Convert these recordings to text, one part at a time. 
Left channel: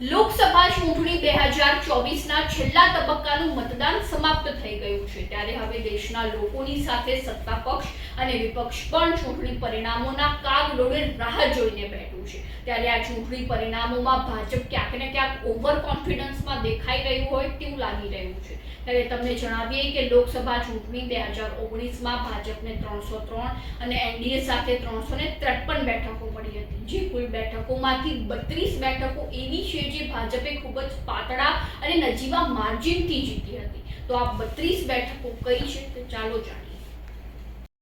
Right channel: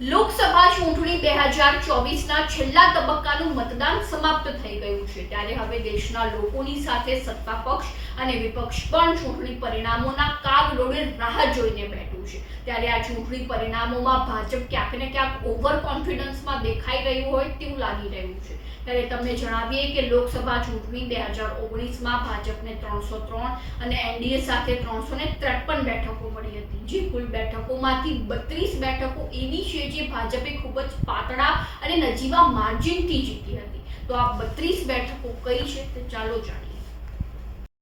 લોકસભા ચૂંટણી 2024ના છેલ્લા તબક્કાનું મતદાન સમાપ્ત થઈ ગયું છે ત્યારે હવે દેશના લોકોની સાથે સત્તા પક્ષ અને વિપક્ષ પણ ચૂંટણી પરિણામોના કાગડોળે રાહ જોઈને બેઠું છે। ત્યારે આ ચૂંટણી પરિણામોમાં ભાજપ ક્યાંક ને ક્યાંક ઓવર કોન્ફિડન્સમાં દેખાઈ રહ્યું હોય તેવું લાગી રહ્યું છે। ત્યારે તમને જણાવીએ કે લોકસભા ચૂંટણી 2019માં ભાજપને 303 અને એનડીએ સાથે 353 બેઠકો મળી હતી, જે કુલ બેઠકોમાંથી 32 બેઠકો એવી છે જે ભાજપે ખૂબ જ પાતળા અને નજીવા માર્જિનથી જીતી હતી। તો આ 32 બેઠકો કઈ છે તે ચાલો જાણીએ।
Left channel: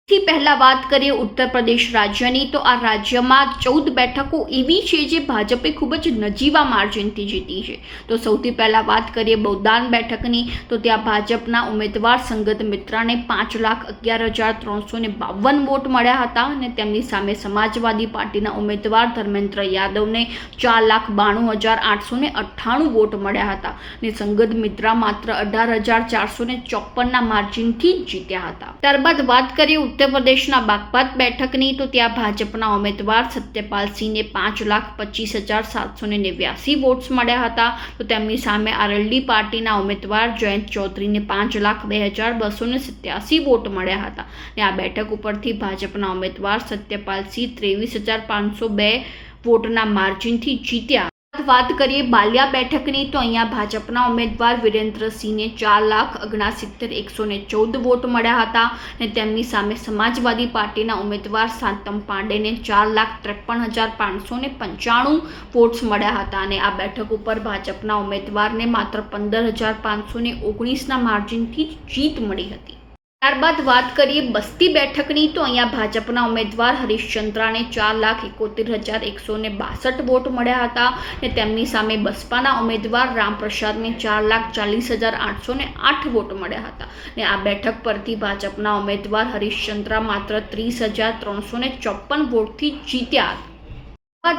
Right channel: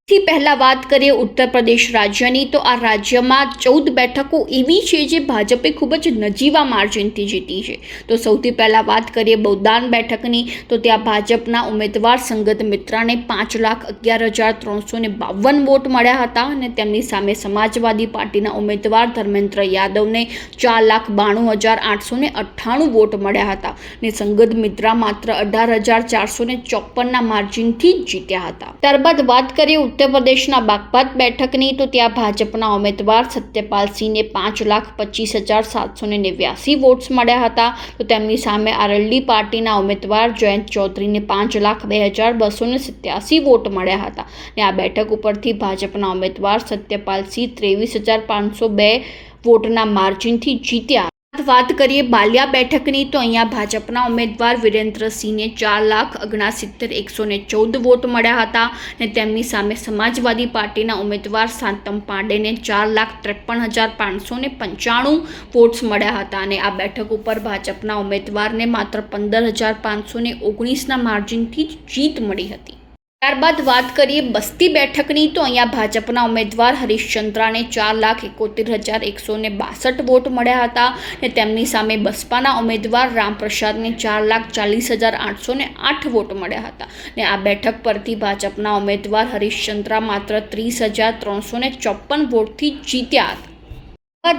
થી પહેલા વાત કરીએ ઉત્તર પ્રદેશ રાજ્યની, તો આ રાજ્યમાં 14 બેઠકો એવી છે જે ભાજપે ખૂબ જ નજીવા માર્જિનથી જીતી છે। તો સૌથી પહેલા વાત કરીએ બૌદાન બેઠકની, તો ત્યાં ભાજપના ઉમેદવાર સંગત મિત્રાને 5,11,352 વોટ મળ્યા હતા અને તેમની સામે સમાજવાદી પાર્ટીના ઉમેદવાર ધર્મેન્દ્ર યાદવને 4,92,898 વોટ મળ્યા હતા અને સંગત મિત્રા માત્ર 18,454ના માર્જિનથી જીત્યા હતા। ત્યારબાદ વાત કરીએ ઉત્તર પ્રદેશના બાગપત બેઠકની, તો ત્યાં ભાજપના ઉમેદવાર સત્યપાલ સિંહને 5,25,789 વોટ્સ મળ્યા હતા। તો તેમની સામે આરએલડી પાર્ટીના ઉમેદવાર જયંત ચૌધરીને 5,02,287 વોટ મળ્યા હતા અને આ બેઠક ઉપરથી ભાજપના ઉમેદવાર સત્યપાલ સિંહ 23,502 વોટના માર્જિનથી જીત્યા। વાત કરીએ બાલિયા બેઠકની, તો અહીંયા ભાજપના ઉમેદવાર વિરેન્દ્રસિંહને 4,79,114 વોટ મળ્યા હતા અને તેમની સામે સમાજવાદી પાર્ટીના ઉમેદવાર શાંતમ પાંડેને 4,53,595 વોટ્સ મળ્યા હતા અને આ બેઠક ઉપર ભાજપના ઉમેદવારને માત્ર 15,519ના માર્જિનથી જીત મળી હતી। ત્યારબાદ વાત કરીએ બસ્તી બેઠકની, તો અહીંયા ભાજપના ઉમેદવાર હરીશચંદ્રાને 4,71,162 વોટ મળ્યા હતા અને તેમની સામે બસપાના ઉમેદવાર રામપ્રસાદને 4,40,808 વોટ મળ્યા હતા અને આ બેઠક પરથી ભાજપના ઉમેદવાર હરીશચંદ્રા માત્ર 30,354 વોટથી જીત્યા હતા।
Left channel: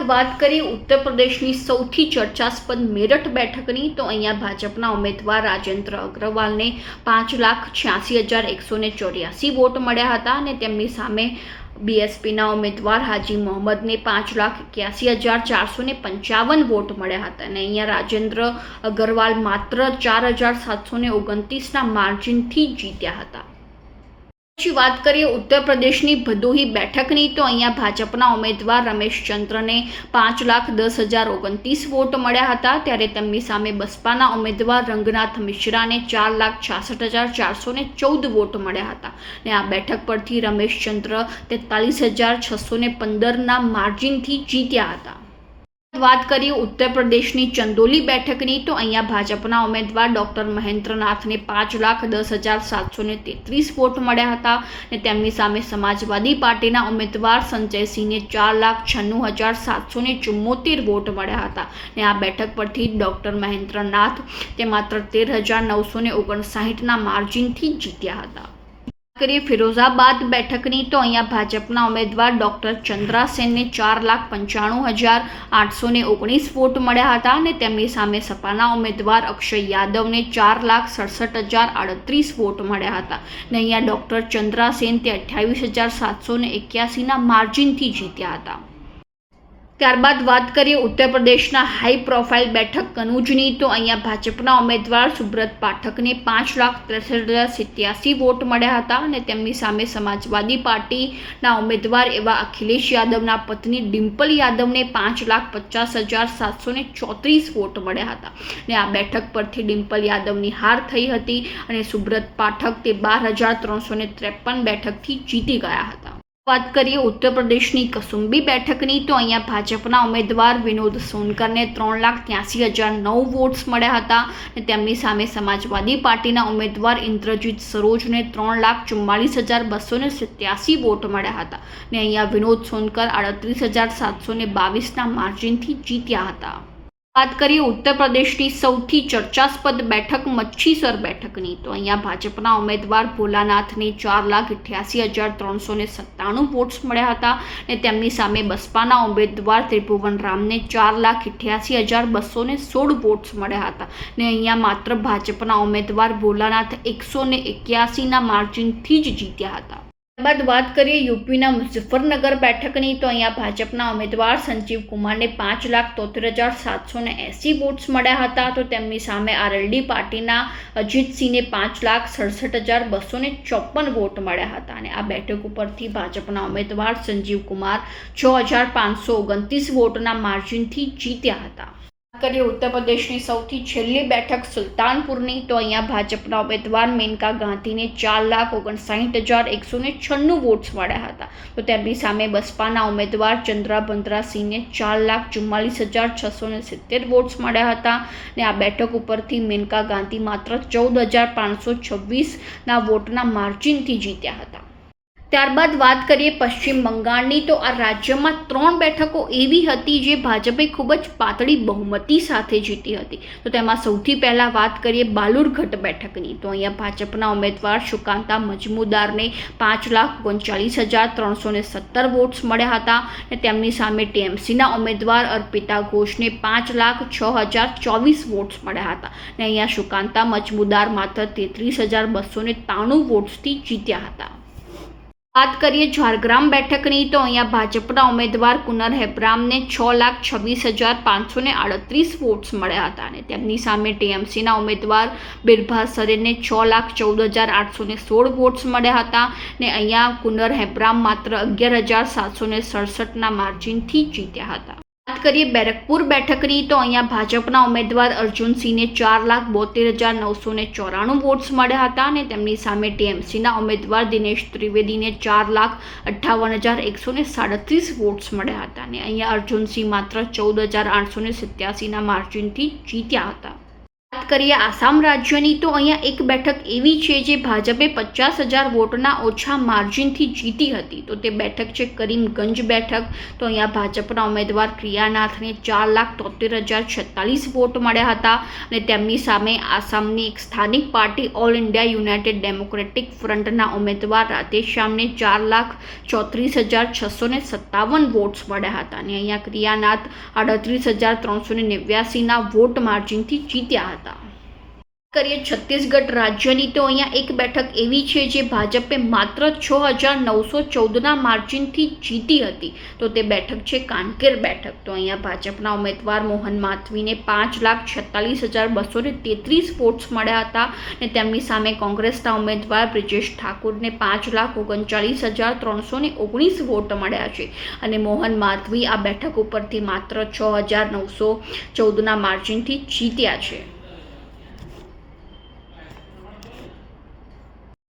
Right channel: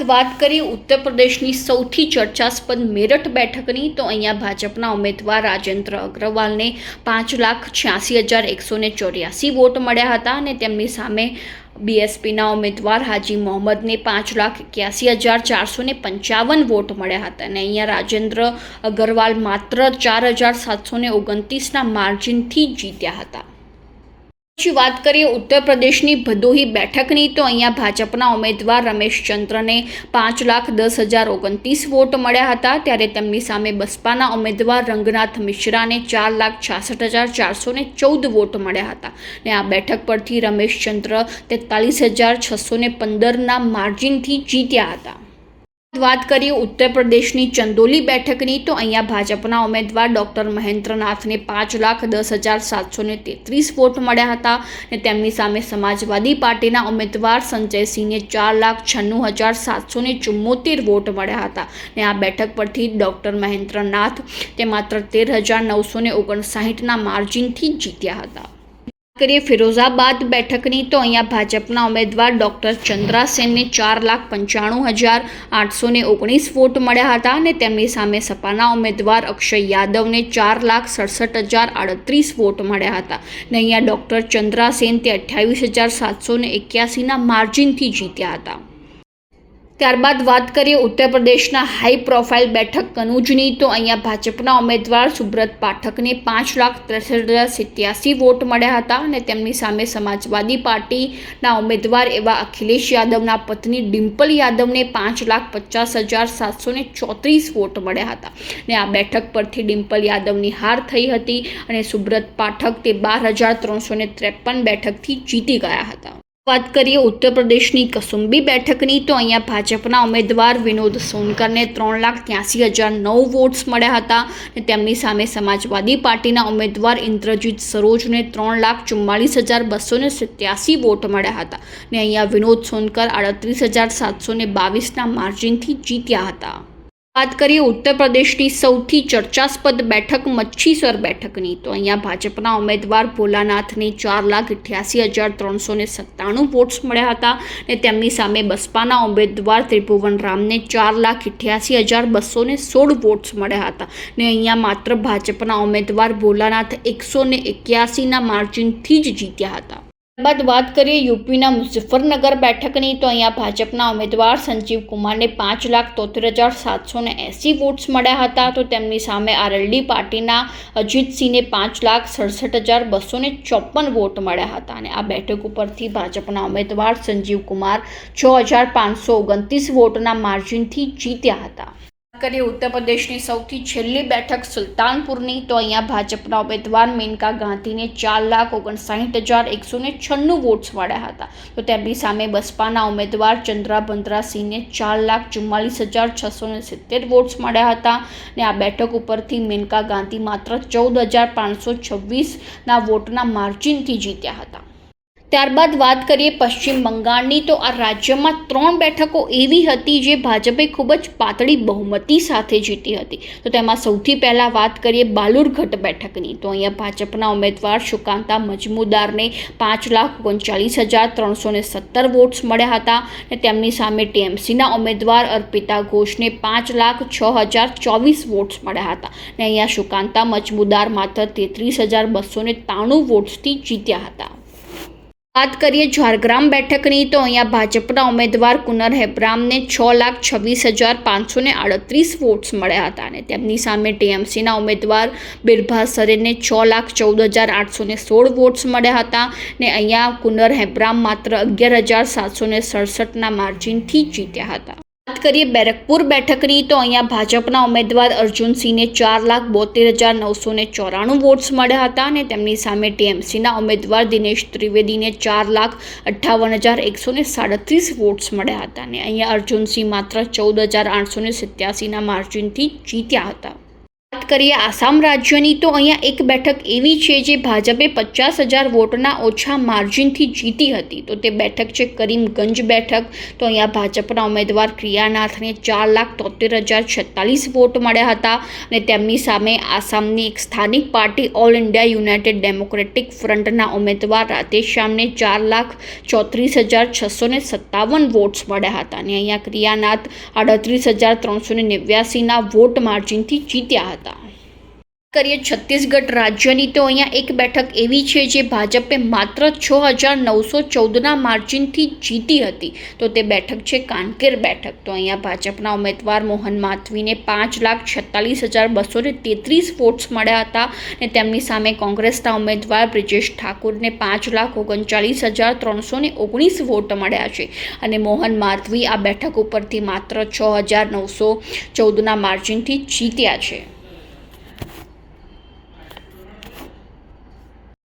વાત કરીએ ઉત્તર પ્રદેશની સૌથી ચર્ચાસ્પદ મેરઠ બેઠકની, તો અહીંયા ભાજપના ઉમેદવાર રાજેન્દ્ર અગ્રવાલને 5,86,184 વોટ મળ્યા હતા અને તેમની સામે બીએસપીના ઉમેદવાર હાજી મોહમ્મદને 5,81,455 વોટ મળ્યા હતા અને અહીંયા રાજેન્દ્ર અગ્રવાલ માત્ર 4,729ના માર્જિનથી જીત્યા હતા। પછી વાત કરીએ ઉત્તર પ્રદેશની ભદોહી બેઠકની, તો અહીંયા ભાજપના ઉમેદવાર રમેશચંદ્રને 5,10,029 વોટ મળ્યા હતા, ત્યારે તેમની સામે બસપાના ઉમેદવાર રંગનાથ મિશ્રાને 4,66,414 વોટ મળ્યા હતા અને આ બેઠક પરથી રમેશચંદ્ર 43,615ના માર્જિનથી જીત્યા હતા। વાત કરીએ ઉત્તર પ્રદેશની ચંદોલી બેઠકની, તો અહીંયા ભાજપના ઉમેદવાર ડૉક્ટર મહેન્દ્રનાથને 5,10,733 વોટ મળ્યા હતા અને તેમની સામે સમાજવાદી પાર્ટીના ઉમેદવાર સંજયસિંહને 4,96,774 વોટ મળ્યા હતા અને આ બેઠક પરથી ડૉક્ટર મહેન્દ્રનાથ તે માત્ર 13,959ના માર્જિનથી જીત્યા હતા। કરીએ ફિરોઝાબાદ બેઠકની, તો અહીંયા ભાજપના ઉમેદવાર ડૉક્ટર ચંદ્રા સેનને 4,95,819 વોટ મળ્યા હતા અને તેમની સામે સપાના ઉમેદવાર અક્ષય યાદવને 4,67,038 વોટ મળ્યા હતા અને અહીંયા ડૉક્ટર ચંદ્રા સેન તે 28,781ના માર્જિનથી જીત્યા હતા। ત્યારબાદ વાત કરીએ ઉત્તર પ્રદેશના હાઈ પ્રોફાઇલ બેઠક કનૂજની, તો અહીંયા ભાજપના ઉમેદવાર સુબ્રત પાઠકને 5,63,087 વોટ મળ્યા હતા અને તેમની સામે સમાજવાદી પાર્ટીના ઉમેદવાર એવા અખિલેશ યાદવના પત્ની ડિમ્પલ યાદવને 5,50,734 વોટ મળ્યા હતા અને આ બેઠક પરથી ડિમ્પલ યાદવની હાર થઈ હતી અને સુબ્રત પાઠક તે 12,353 બેઠકથી જીતી ગયા હતા। વાત કરીએ ઉત્તર પ્રદેશની કસુંબી બેઠકની, તો અહીંયા ભાજપના ઉમેદવાર વિનોદ સોનકરને 3,83,009 વોટ્સ મળ્યા હતા અને તેમની સામે સમાજવાદી પાર્ટીના ઉમેદવાર ઇન્દ્રજીત સરોજને 3,44,287 વોટ મળ્યા હતા અને અહીંયા વિનોદ સોનકર 38,722ના માર્જિનથી જીત્યા હતા। વાત કરીએ ઉત્તર પ્રદેશની સૌથી ચર્ચાસ્પદ બેઠક મચ્છીસર બેઠકની, તો અહીંયા ભાજપના ઉમેદવાર ભોલાનાથને 4,88,397 વોટ્સ મળ્યા હતા અને તેમની સામે બસપાના ઉમેદવાર ત્રિભુવન રામને 4,88,216 વોટ્સ મળ્યા હતા અને અહીંયા માત્ર ભાજપના ઉમેદવાર ભોલાનાથ 181ના માર્જિનથી જ જીત્યા હતા। બાદ વાત કરીએ યુપીના મુઝફ્ફરનગર બેઠકની, તો અહીંયા ભાજપના ઉમેદવાર સંજીવ કુમારને 5,73,780 વોટ્સ મળ્યા હતા. તો તેમની સામે આરએલડી પાર્ટીના અજીતસિંહને 5,67,254 વોટ મળ્યા હતા. અને આ બેઠક ઉપરથી ભાજપના ઉમેદવાર સંજીવ કુમાર 6,529 વોટના માર્જિનથી જીત્યા હતા. કરીએ ઉત્તર પ્રદેશની સૌથી છેલ્લી બેઠક સુલતાનપુરની, તો અહીંયા ભાજપના ઉમેદવાર મેનકા ગાંધીને 4,59,196 વોટ્સ મળ્યા હતા. તો તેમની સામે બસપાના ઉમેદવાર ચંદ્રા બંદરાસિંહને 4,44,670 વોટ્સ મળ્યા હતા. અને આ બેઠક ઉપરથી મેનકા ગાંધી માત્ર 14,526ના વોટના માર્જિનથી જીત્યા હતા. ત્યારબાદ વાત કરીએ પશ્ચિમ બંગાળની, તો આ રાજ્યમાં 3 બેઠકો એવી હતી જે ભાજપે ખૂબ જ પાતળી બહુમતી સાથે જીતી હતી. તો તેમાં સૌથી પહેલાં વાત કરીએ બાલુરઘટ બેઠકની, તો અહીંયા ભાજપના ઉમેદવાર સુકાંતા મજમુદારને 5,39,317 વોટ્સ મળ્યા હતા. અને તેમની સામે ટીએમસીના ઉમેદવાર અર્પિતા ઘોષને 5,06,024 વોટ્સ મળ્યા હતા. અને અહીંયા સુકાંતા મજમુદાર માત્ર 33,293 વોટ્સથી જીત્યા હતા. વાત કરીએ ઝારગ્રામ બેઠકની, તો અહીંયા ભાજપના ઉમેદવાર કુનર હેબ્રામને 6,26,538 વોટ્સ મળ્યા હતા. અને તેમની સામે ટીએમસીના ઉમેદવાર બિરભા સરેનને 6,14,816 વોટ્સ મળ્યા હતા. અને અહીંયા કુનર હેબ્રામ માત્ર 11,767ના માર્જિનથી જીત્યા હતા. વાત કરીએ બેરકપુર બેઠકની, તો અહીંયા ભાજપના ઉમેદવાર અર્જુનસિંહને 4,72,994 વોટ્સ મળ્યા હતા. અને તેમની સામે ટીએમસીના ઉમેદવાર દિનેશ ત્રિવેદીને 4,58,137 વોટ્સ મળ્યા હતા. અને અહીંયા અર્જુનસિંહ માત્ર 14,887ના માર્જિનથી જીત્યા હતા. વાત કરીએ આસામ રાજ્યની, તો અહીંયા એક બેઠક એવી છે જે ભાજપે 50,000 વોટના ઓછા માર્જિનથી જીતી હતી. તો તે બેઠક છે કરીમગંજ બેઠક. તો અહીંયા ભાજપના ઉમેદવાર ક્રિયાનાથને 4,73,046 વોટ મળ્યા હતા. અને તેમની સામે આસામની એક સ્થાનિક party All India United Democratic ફ્રન્ટના ઉમેદવાર રાધેશ્યામને 4,34,657 વોટ્સ મળ્યા હતા. અને અહીંયા ક્રિયાનાથ 38,389ના વોટ માર્જિનથી જીત્યા હતા. કરીએ છત્તીસગઢ રાજ્યની, તો અહીંયા એક બેઠક એવી છે જે ભાજપે માત્ર 6,914ના માર્જિનથી જીતી હતી. તો તે બેઠક છે કાનકેર બેઠક. તો અહીંયા ભાજપના ઉમેદવાર મોહન માધવીને 5,46,233 વોટ્સ મળ્યા હતા. અને તેમની સામે કોંગ્રેસના ઉમેદવાર બ્રિજેશ ઠાકુરને 5,39,319 વોટ મળ્યા છે. અને મોહન માધવી આ બેઠક ઉપરથી માત્ર 6,914ના માર્જિનથી જીત્યા છે.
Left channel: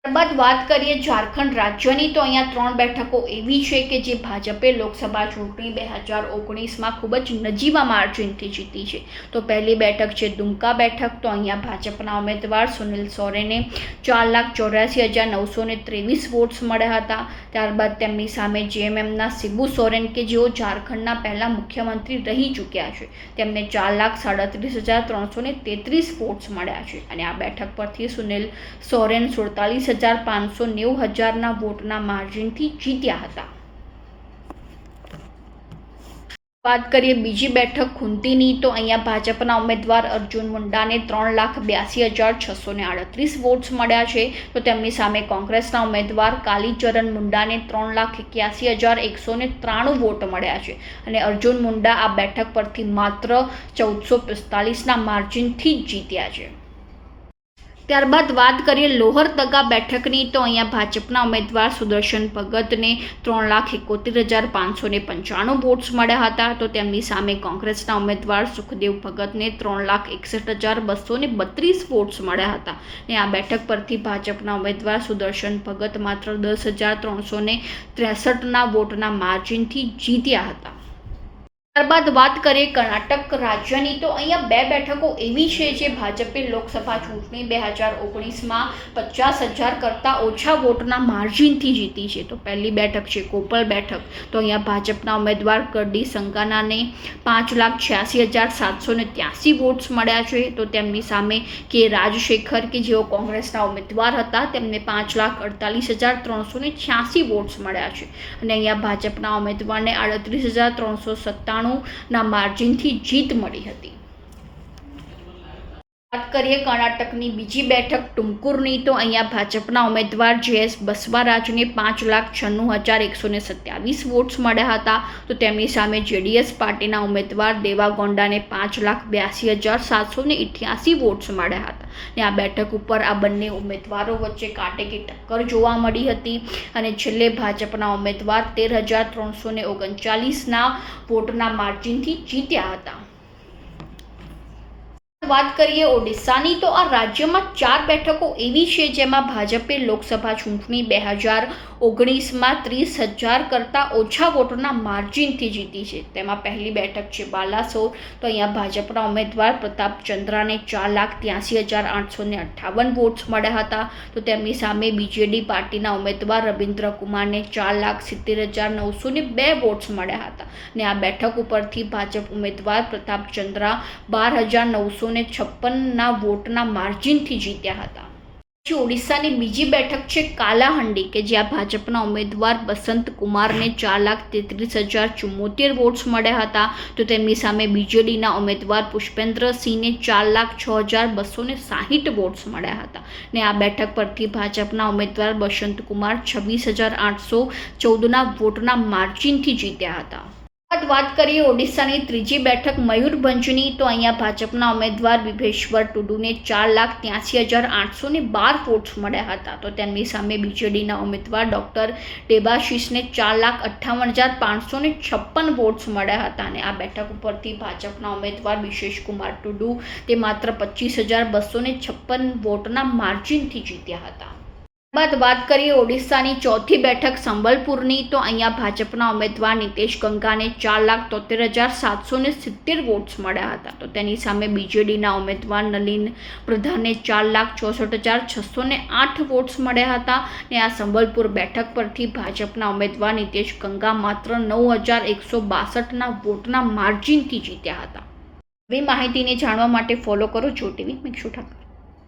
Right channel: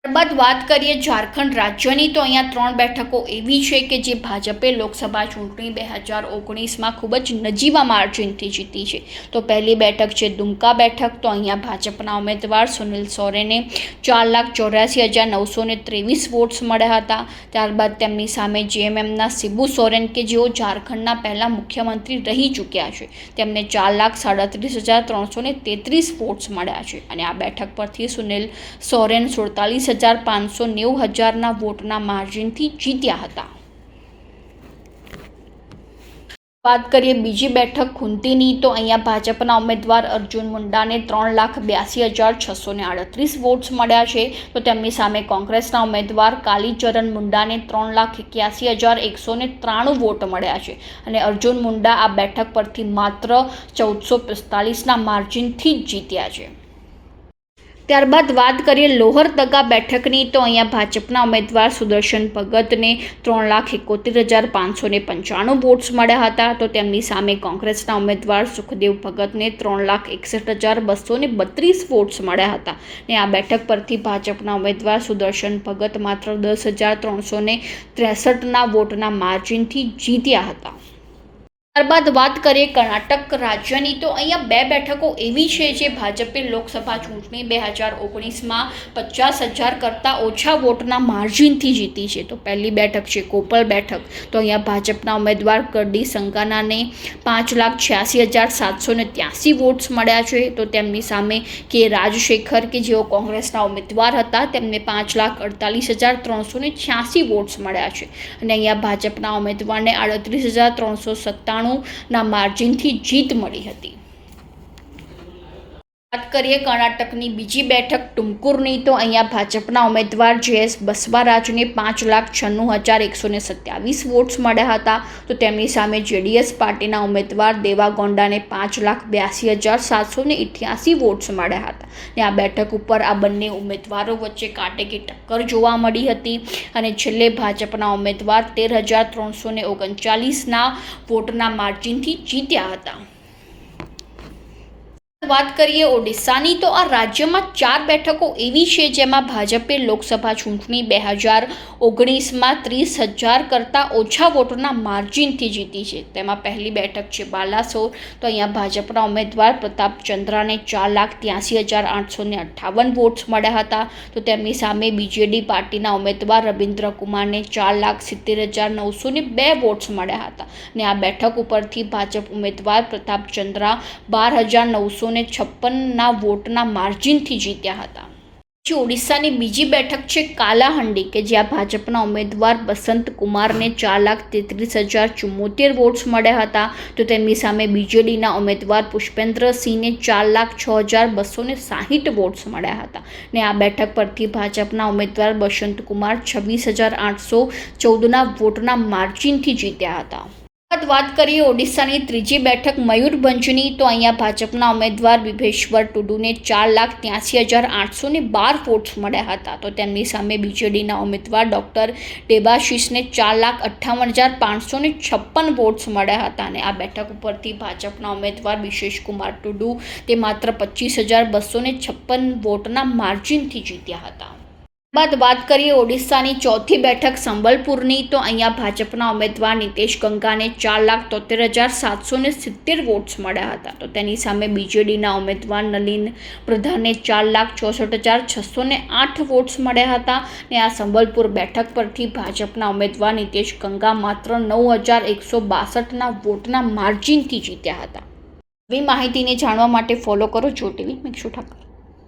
ત્યારબાદ વાત કરીએ ઝારખંડ રાજ્યની, તો અહીંયા 3 બેઠકો એવી છે કે જે ભાજપે લોકસભા ચૂંટણી 2019માં ખૂબ જ નજીવા માર્જિનથી જીતી છે. તો પહેલી બેઠક છે દુમકા બેઠક. તો અહીંયા ભાજપના ઉમેદવાર સુનિલ સોરેને 4,84,923 વોટ્સ મળ્યા હતા. ત્યારબાદ તેમની સામે જેએમએમના શિબુ સોરેન કે જેઓ ઝારખંડના પહેલા મુખ્યમંત્રી રહી ચૂક્યા છે, તેમને 4,37,333 વોટ્સ મળ્યા છે. અને આ બેઠક પરથી સુનિલ સોરેન 47,590,000ના વોટના માર્જિનથી જીત્યા હતા. વાત કરીએ બીજી બેઠક ખુંટીની, તો અહીંયા ભાજપના ઉમેદવાર અર્જુન મુંડાને 3,82,638 વોટ્સ મળ્યા છે. તો તેમની સામે કોંગ્રેસના ઉમેદવાર કાલીચરણ મુંડાને 3,81,193 વોટ મળ્યા છે. અને અર્જુન મુંડા આ બેઠક પરથી માત્ર 1,445ના માર્જિનથી જ જીત્યા છે. ત્યારબાદ વાત કરીએ લોહરદગા બેઠકની, તો અહીંયા ભાજપના ઉમેદવાર સુદર્શન ભગતને 3,71,595 વોટ્સ મળ્યા હતા. તો તેમની સામે કોંગ્રેસના ઉમેદવાર સુખદેવ ભગતને 3,61,232 વોટ્સ મળ્યા હતા. અને આ બેઠક પરથી ભાજપના ઉમેદવાર સુદર્શન ભગત માત્ર 10,363ના વોટના માર્જિનથી જીત્યા હતા. ત્યારબાદ વાત કરીએ કર્ણાટક રાજ્યની, તો અહીંયા 2 બેઠકો એવી છે જે ભાજપે લોકસભા ચૂંટણી 2019માં 50,000 કરતાં ઓછા વોટના માર્જિનથી જીતી છે. તો પહેલી બેઠક છે કોપલ બેઠક. તો અહીંયા ભાજપના ઉમેદવાર કરડી સંગાનાને 5,86,783 વોટ્સ મળ્યા છે. તો તેમની સામે કે રાજશેખર કે જેઓ કોંગ્રેસના ઉમેદવાર હતા, તેમને 5,48,386 વોટ્સ મળ્યા છે. અને અહીંયા ભાજપના ઉમેદવારને 38,397ના માર્જિનથી જીત મળી હતી. વાત કરીએ કર્ણાટકની બીજી બેઠક ટુમકુરની, તો અહીંયા ભાજપના ઉમેદવાર JS બસવરાજને 5,96,127 વોટ્સ મળ્યા હતા. તો તેમની સામે JDS પાર્ટીના ઉમેદવાર દેવાગૌડાને 5,82,788 વોટ્સ મળ્યા હતા. અને આ બેઠક ઉપર આ બંને ઉમેદવારો વચ્ચે કાંટેકી ટક્કર જોવા મળી હતી અને છેલ્લે ભાજપના ઉમેદવાર 13,339ના વોટના માર્જિનથી જીત્યા હતા. વાત કરીએ ઓડિશાની, તો આ રાજ્યમાં 4 બેઠકો એવી છે જેમાં ભાજપે લોકસભા ચૂંટણી 2019માં 30,000 કરતાં ઓછા વોટના માર્જિનથી જીતી છે. તેમાં પહેલી બેઠક છે બાલાસોર. તો અહીંયા ભાજપના ઉમેદવાર પ્રતાપચંદ્રાને 4,83,858 વોટ્સ મળ્યા હતા. તો તેમની સામે BJD પાર્ટીના ઉમેદવાર રવિન્દ્રકુમારને 4,70,902 વોટ્સ મળ્યા હતા. અને આ બેઠક ઉપરથી ભાજપ ઉમેદવાર પ્રતાપચંદ્રા 12,956ના વોટના માર્જિનથી જીત્યા હતા. પછી ઓડિશાની બીજી બેઠક છે કાલાહંડી, કે જ્યાં ભાજપના ઉમેદવાર બસંત કુમારને 4,33,074 વોટ્સ મળ્યા હતા. તો તેમની સામે BJDના ઉમેદવાર પુષ્પેન્દ્રસિંહને 4,06,260 વોટ્સ મળ્યા હતા. અને આ બેઠક પરથી ભાજપના ઉમેદવાર બસંત કુમાર 26,814ના વોટના માર્જિનથી જીત્યા હતા. વાત કરીએ ઓડિશાની ત્રીજી બેઠક મયુરભંજની, તો અહીંયા ભાજપના ઉમેદવાર વિભેશ્વર ટુડુને 4,83,812 વોટ્સ મળ્યા હતા. તો તેમની સામે BJDના ઉમેદવાર ડૉક્ટર દેબાશિષને 4,58,556 વોટ્સ મળ્યા હતા. અને આ બેઠક ઉપરથી ભાજપના ઉમેદવાર વિશેષકુમાર ટુડુ તે માત્ર 25,256 વોટના માર્જિનથી જીત્યા હતા. બાદ વાત કરીએ ઓડિશાની ચોથી બેઠક સંબલપુરની, તો અહીંયા ભાજપના ઉમેદવાર નીતેશ ગંગાને 4,73,770 વોટ્સ મળ્યા હતા. તો તેની સામે BJDના ઉમેદવાર નલિન પ્રધાનને 4,64,608 વોટ્સ મળ્યા હતા. અને આ સંબલપુર બેઠક પરથી ભાજપના ઉમેદવાર નીતેશ ગંગા માત્ર 9,162ના વોટના માર્જિનથી જીત્યા હતા. આવી માહિતીને જાણવા માટે ફોલો કરો જો TV. મેક્ષુ ઠાકર.